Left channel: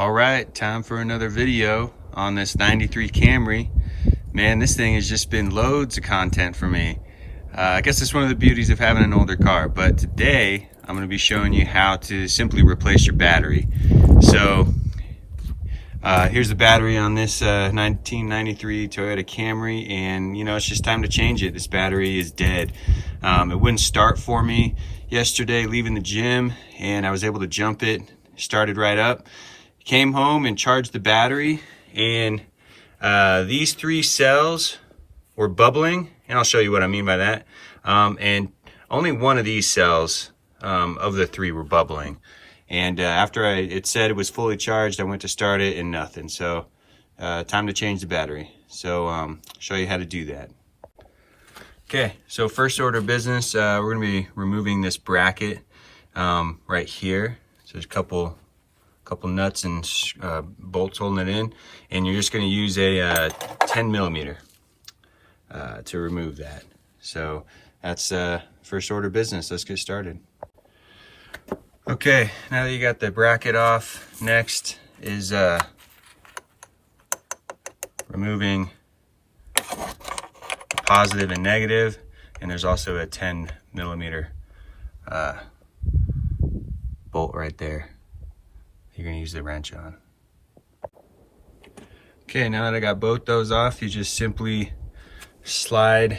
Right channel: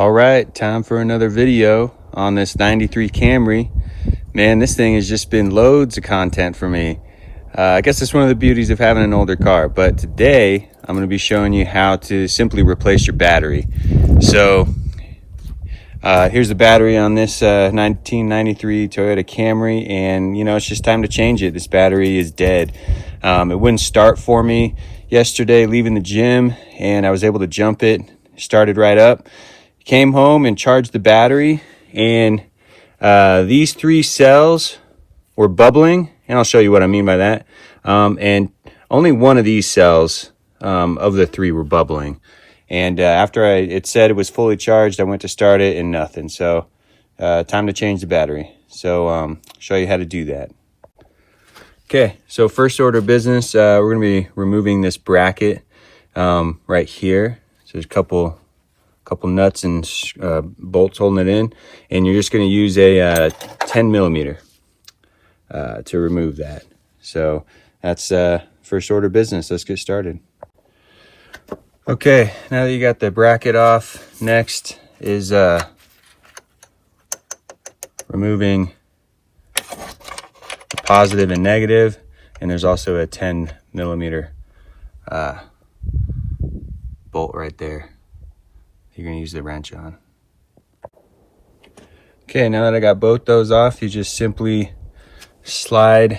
All right, time for another video on this 93 Camry. Man, this thing has just been loads of content for me. I guess it's one of the beauties of having an older car, but today I'm going to be showing you how to simply replace your battery. So here's the battery on this 1993 Toyota Camry, and you know, it's just time to change it. This battery is dead. It wouldn't start for me yesterday leaving the gym, and I was able to jump it, started right up. Came home and charged the battery, and these three cells were bubbling, and I'll show you what I mean by that. And only one of these cells of the three were bubbling. And after it said it was fully charged, I went to start it and nothing. So time to change the battery. So show you how to do that. Okay, so first order of business, we're gonna be removing this bracket right here. So there's a couple nuts and bolts holding it in, and you're just going to use a 10 millimeter to remove that. So that's first order of business. Let's get started. Okay, now that you got the bracket off, next is removing the positive and negative, and there's also a 10 millimeter bolt right there you're going to use the wrench on. Okay, now that I got both those off, you just simply slide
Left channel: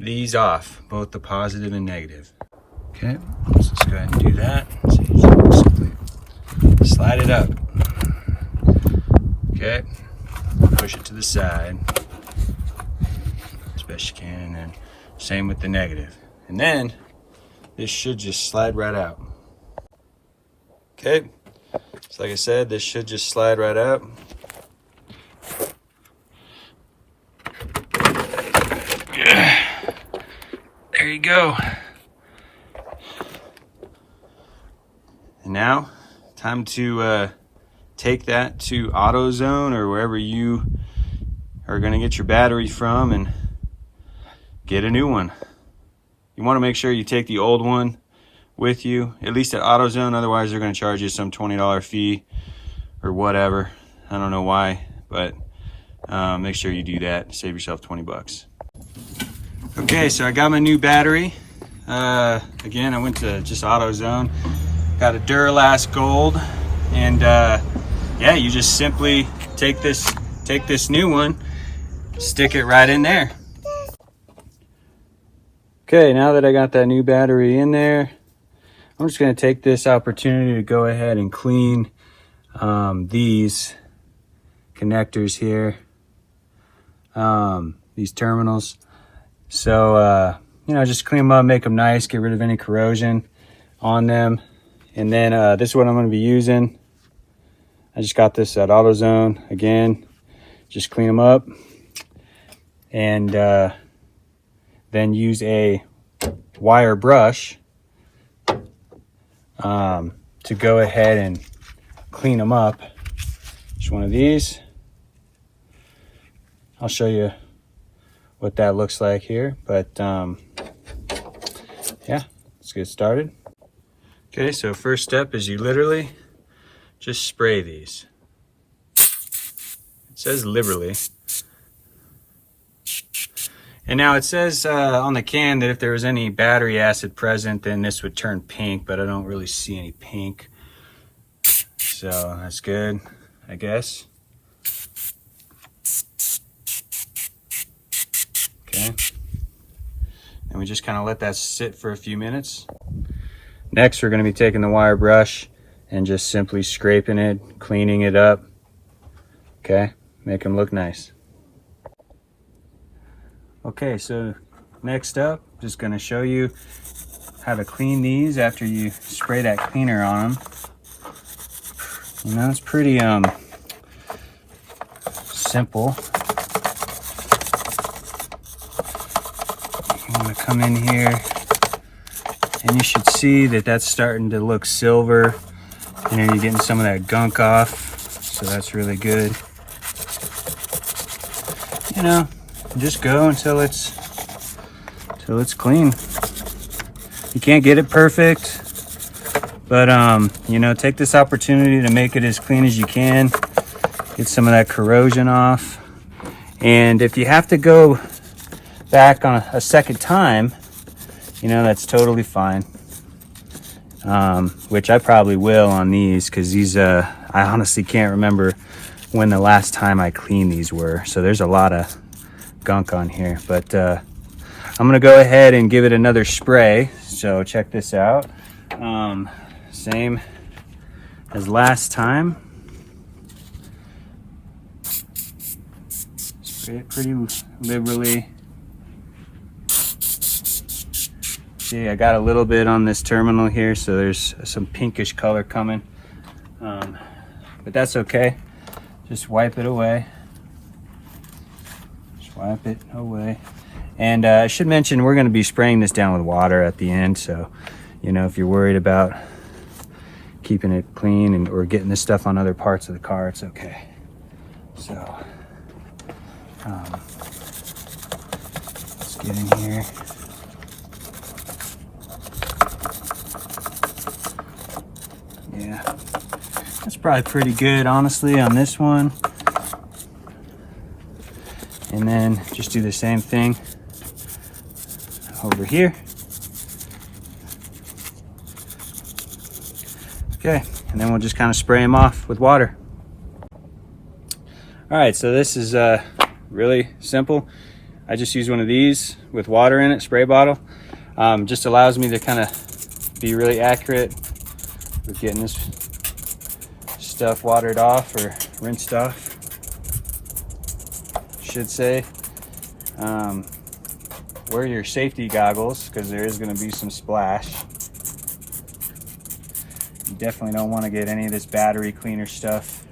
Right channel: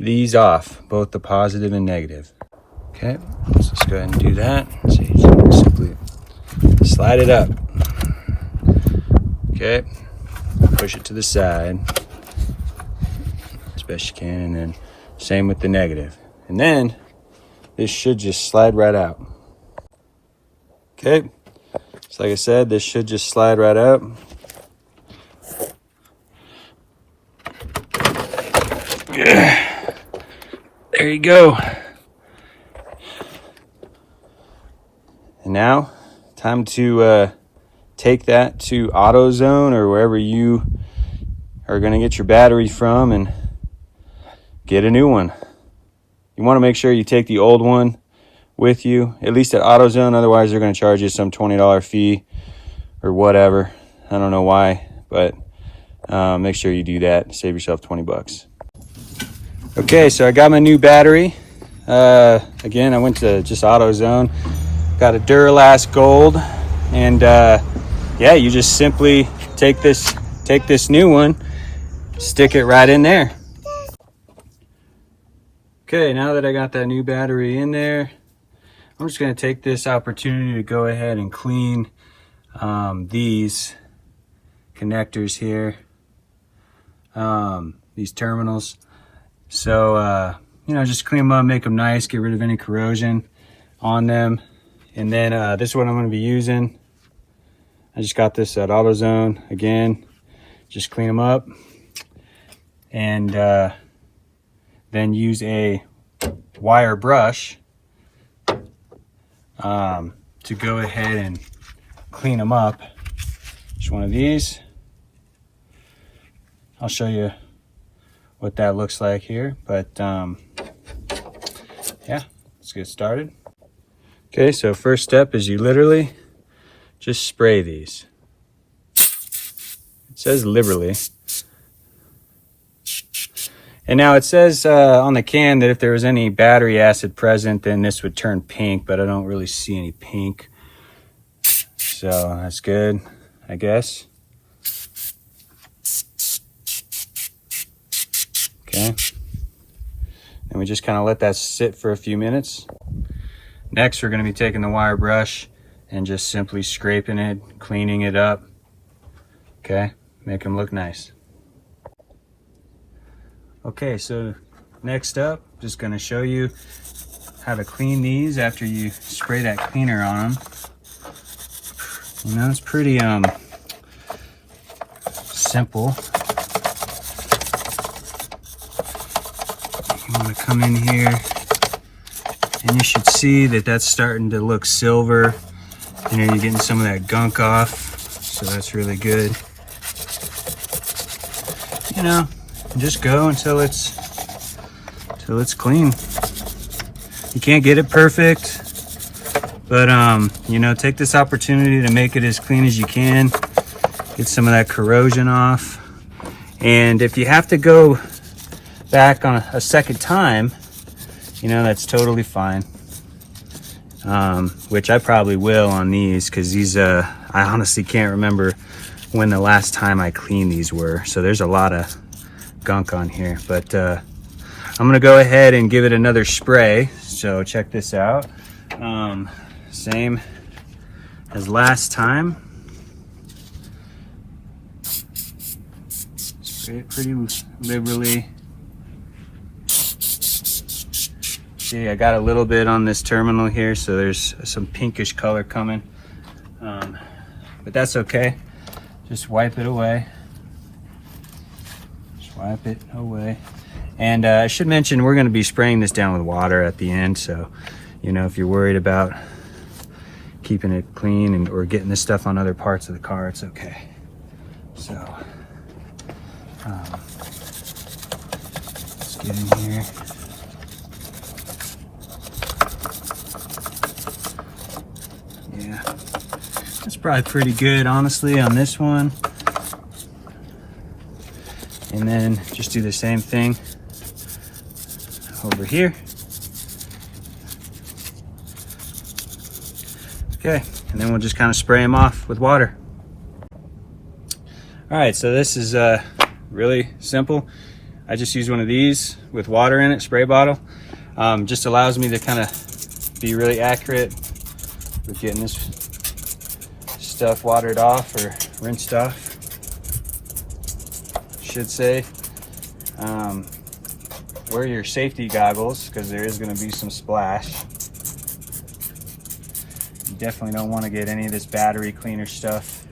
these off, both the positive and negative. Okay, let's just go ahead and do that. So you just simply slide it up. Okay, push it to the side as best you can, and then same with the negative. And then this should just slide right out. Okay. So like I said, this should just slide right up. There you go. And now, time to take that to AutoZone or wherever you are going to get your battery from and get a new one. You want to make sure you take the old one with you, at least at AutoZone. Otherwise they're going to charge you some $20 fee or whatever. I don't know why, but make sure you do that. Save yourself 20 bucks. Okay, so I got my new battery. Again, I went to just AutoZone, got a Duralast Gold, and yeah, you just simply take this new one, stick it right in there. Okay, now that I got that new battery in there, I'm just going to take this opportunity to go ahead and clean these connectors here, these terminals. So, you know, just clean them up, make them nice, get rid of any corrosion on them. And then this is what I'm going to be using. I just got this at AutoZone. Again, just clean them up. And then use a wire brush to go ahead and clean them up. Just one of these. I'll show you what that looks like here, but yeah, let's get started. Okay, so first step is you literally just spray these. It says liberally. And now it says on the can that if there was any battery acid present, then this would turn pink, but I don't really see any pink. So that's good, I guess. Okay. And we just kind of let that sit for a few minutes. Next, we're going to be taking the wire brush and just simply scraping it, cleaning it up. Okay, make them look nice. Okay, so next up, just going to show you how to clean these after you spray that cleaner on them. You know, it's pretty simple. You want to come in here, and you should see that that's starting to look silver. You know, you're getting some of that gunk off, so that's really good. You know, just go until it's clean. You can't get it perfect, But you know, take this opportunity to make it as clean as you can, get some of that corrosion off. And if you have to go back on a second time, you know, that's totally fine. Which I probably will on these, because these I honestly can't remember when the last time I cleaned these were, so there's a lot of gunk on here. But I'm gonna go ahead and give it another spray. So check this out. Same as last time. Spray it pretty liberally. See, I got a little bit on this terminal here, so there's some pinkish color coming. But that's okay. Just wipe it away. Just wipe it away. And I should mention, we're going to be spraying this down with water at the end. So, you know, if you're worried about keeping it clean or getting this stuff on other parts of the car, it's okay. So, let's get in here. Yeah, that's probably pretty good, honestly, on this one. And then just do the same thing over here. Okay, and then we'll just kind of spray them off with water. All right, so this is really simple. I just use one of these with water in it, spray bottle. Just allows me to kind of be really accurate with getting this stuff watered off or rinsed off, should say. Wear your safety goggles, because there is going to be some splash. You definitely don't want to get any of this battery cleaner stuff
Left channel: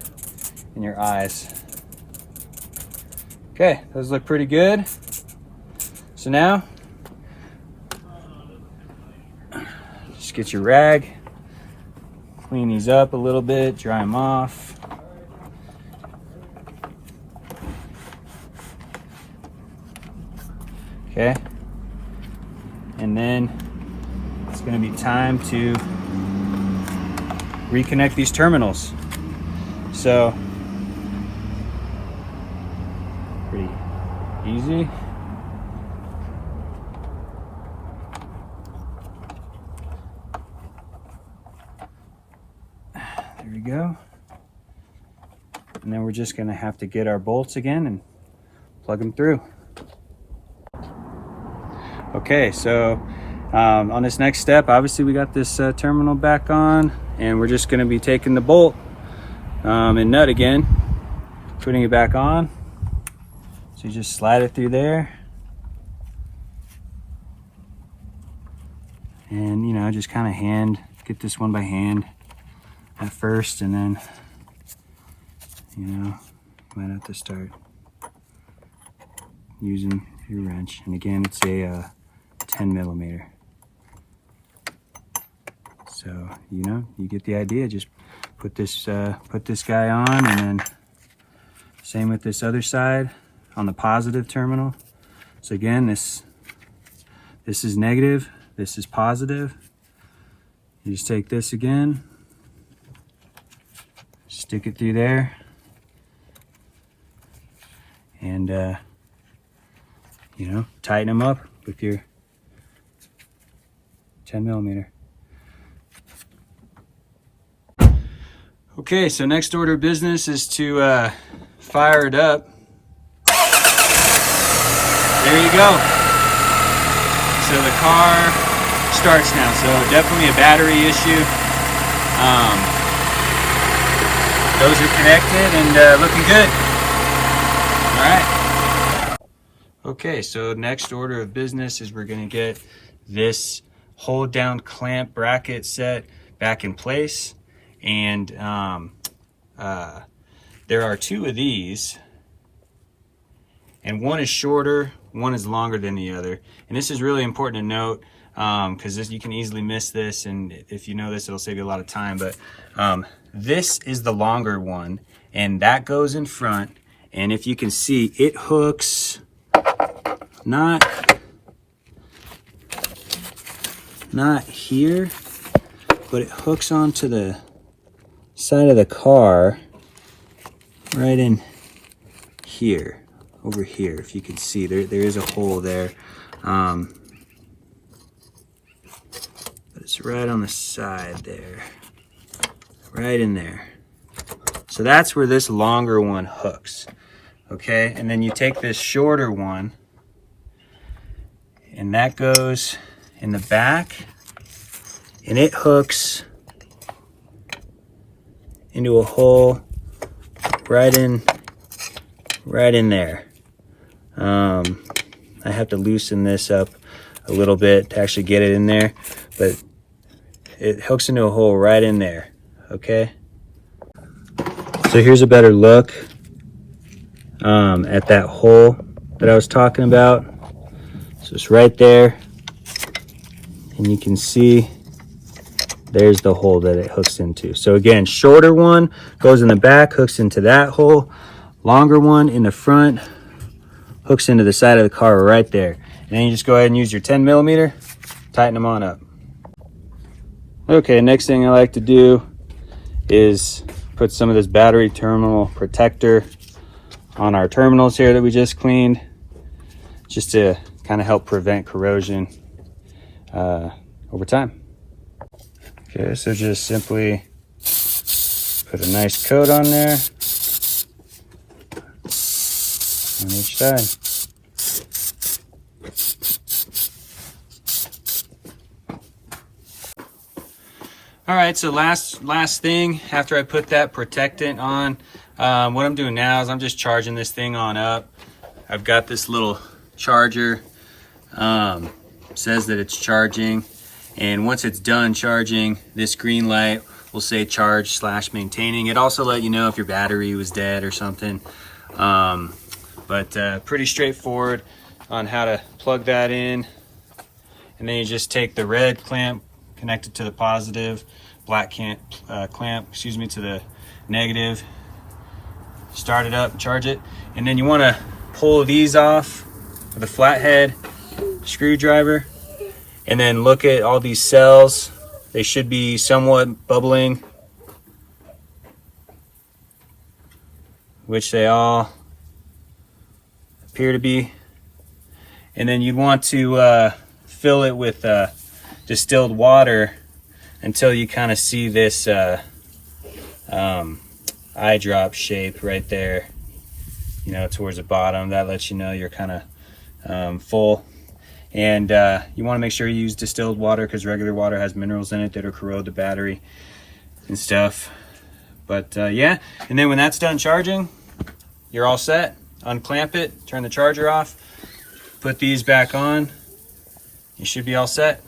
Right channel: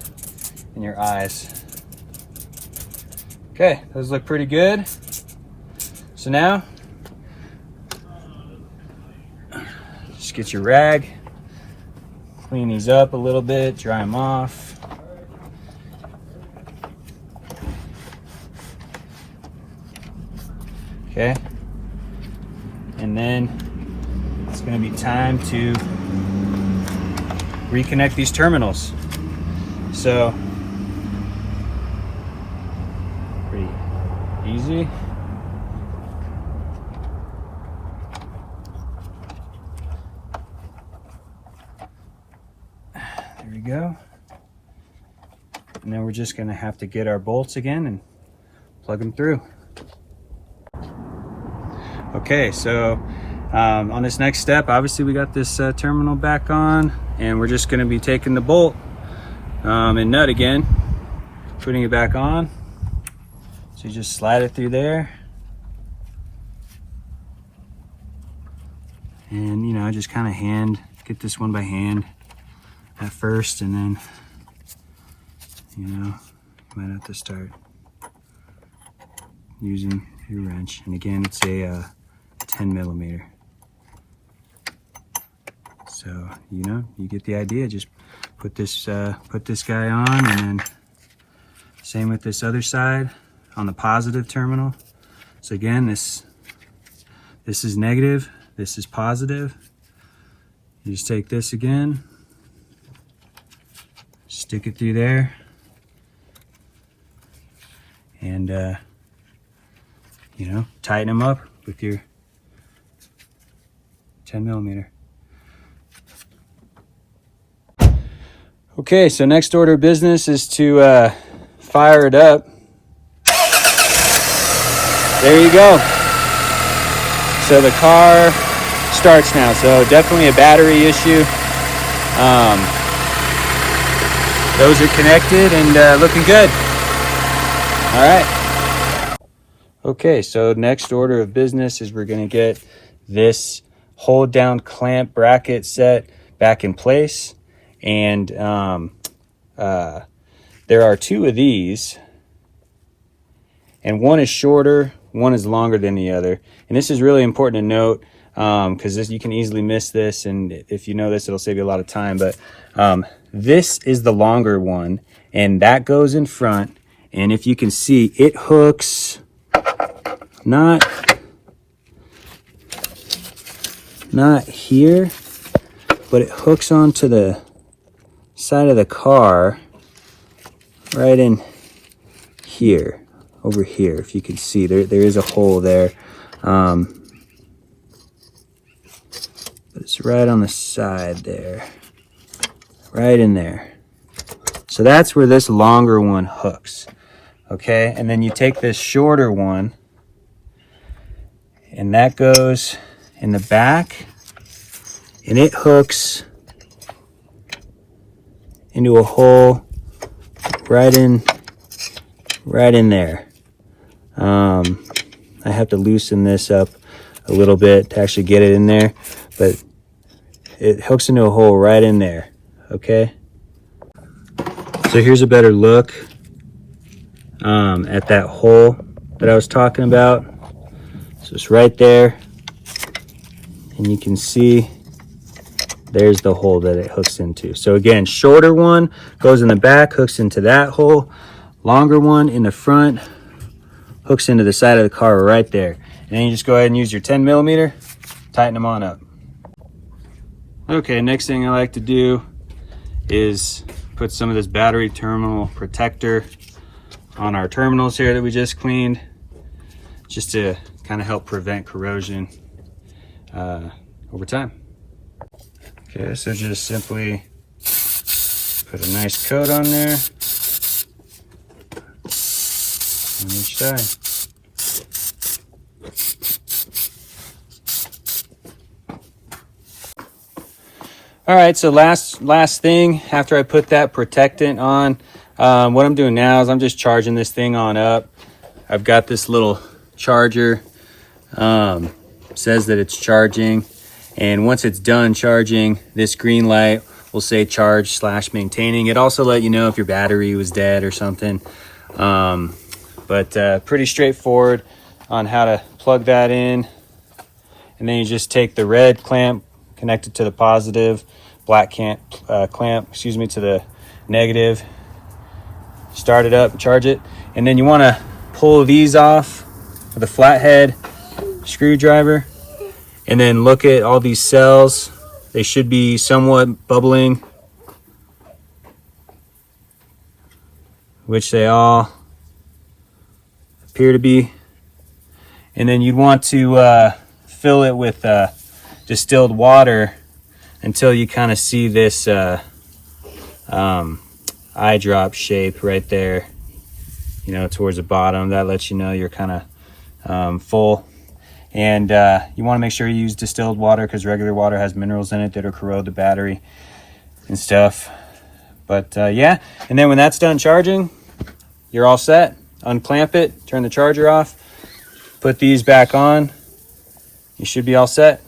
in your eyes. Okay, those look pretty good. So now, just get your rag, clean these up a little bit, dry them off. Okay, and then it's going to be time to reconnect these terminals. So, pretty easy. There we go. And then we're just going to have to get our bolts again and plug them through. Okay, so on this next step, obviously we got this terminal back on, and we're just going to be taking the bolt and nut again, putting it back on. So you just slide it through there, and you know, just kind of get this one by hand at first, and then, you know, you might have to start using your wrench. And again, it's a 10 millimeter. So, you know, you get the idea. Just put this guy on, and then same with this other side on the positive terminal. So again, this is negative, this is positive. You just take this again, stick it through there, and you know, tighten them up with your 10 millimeter. Okay, so next order of business is to fire it up. There you go. So the car starts now. So definitely a battery issue. Those are connected and looking good. All right. Okay, so next order of business is we're gonna get this hold down clamp bracket set back in place. And there are two of these, and one is shorter, one is longer than the other. And this is really important to note, because you can easily miss this, and if you know this, it'll save you a lot of time. But this is the longer one, and that goes in front. And if you can see, it hooks not here, but it hooks onto the side of the car right in here, over here. If you can see, there is a hole there. It's right on the side there, right in there. So that's where this longer one hooks, okay? And then you take this shorter one, and that goes in the back, and it hooks into a hole right in there. I have to loosen this up a little bit to actually get it in there, but it hooks into a hole right in there, okay? So here's a better look at that hole that I was talking about. So it's right there, and you can see there's the hole that it hooks into. So again, shorter one goes in the back, hooks into that hole. Longer one in the front hooks into the side of the car right there. And then you just go ahead and use your 10mm, tighten them on up. Okay, next thing I like to do is put some of this battery terminal protector on our terminals here that we just cleaned, just to kind of help prevent corrosion over time. Okay, so just simply put a nice coat on there on each side. All right, so last thing after I put that protectant on, what I'm doing now is I'm just charging this thing on up. I've got this little charger, says that it's charging, and once it's done charging, this green light will say charge / maintaining. It also let you know if your battery was dead or something. But pretty straightforward on how to plug that in. And then you just take the red clamp, connect it to the positive, black clamp, to the negative, start it up, charge it. And then you want to pull these off with a flathead screwdriver, and then look at all these cells. They should be somewhat bubbling, which they all appear to be. And then you'd want to fill it with distilled water until you kind of see this eye drop shape right there, you know, towards the bottom. That lets you know you're kind of full. And you want to make sure you use distilled water, because regular water has minerals in it that'll corrode the battery and stuff. But yeah, and then when that's done charging, you're all set. Unclamp it, turn the charger off, put these back on. You should be all set.